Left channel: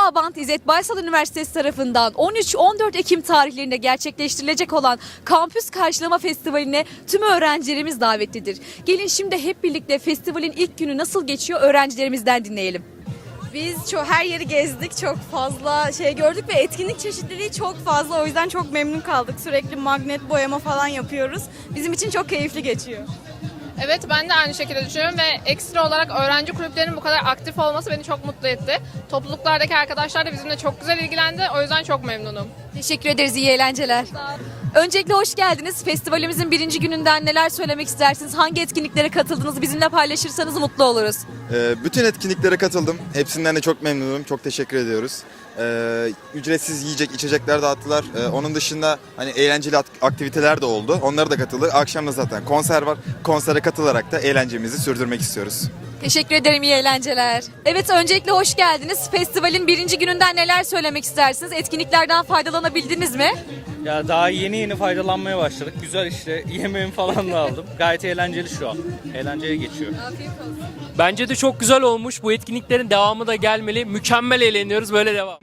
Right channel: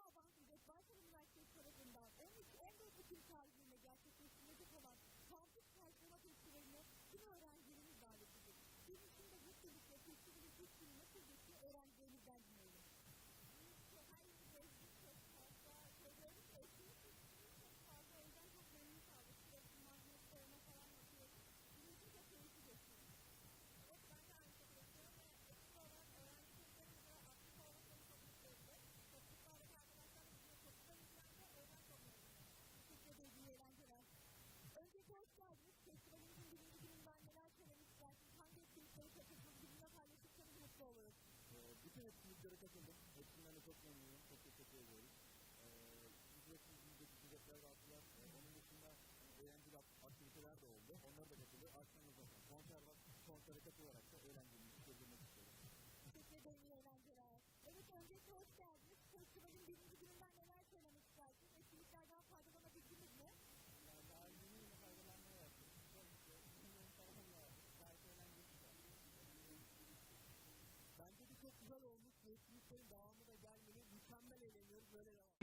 Abant İzzet Baysal Üniversitesi tarafından 13-14 Ekim tarihlerinde gerçekleştirilecek olan Kampüs Karşılama Festivali'ne tüm öğrencilerimiz davetlidir. Gelin şimdi hep birlikte festivalin ilk günü nasıl geçiyor öğrencilerimizden dinleyelim. Biz çok her yeri gezdik, çok fazla şey gördük ve etkinlik çeşitliliği çok fazla. O yüzden çok memnun kaldık. Sürekli magnet boyama falan yapıyoruz. Bizim için çok keyifli geçiyor. Evet ben de aynı şekilde düşünüyorum ve ekstra olarak öğrenci kulüplerinin bu kadar aktif olması beni çok mutlu etti. Topluluklardaki arkadaşlar da bizimle çok güzel ilgilendi. O yüzden çok memnunum. Teşekkür ederiz, iyi eğlenceler. Öncelikle hoş geldiniz. Festivalimizin birinci gününden neler söylemek istersiniz? Hangi etkinliklere katıldınız? Bizimle paylaşırsanız mutlu oluruz. Ee, Bütün etkinliklere katıldım. Hepsinden de çok memnunum. Çok teşekkür ediyoruz. Ee, Ücretsiz yiyecek, içecekler dağıttılar. Ee, Onun dışında hani eğlenceli aktiviteler de oldu. Onlara da katıldık. Akşam da zaten konser var. Konsere katılarak da eğlencemizi sürdürmek istiyoruz. Teşekkür ederim, iyi eğlenceler. Evet, öncelikle hoş geldiniz. Festivalin birinci gününden neler söylemek istersiniz? Etkinliklerden faydalanabildiniz mi? Ya daha yeni yeni faydalanmaya başladık. Güzel işte yemeğimi falan da aldım. Gayet eğlenceli şu an. Eğlenceli geçiyor. Bence de çok güzel olmuş. Bu etkinliklerin devamı da gelmeli. Mükemmel eğleniyoruz. Böyle devam.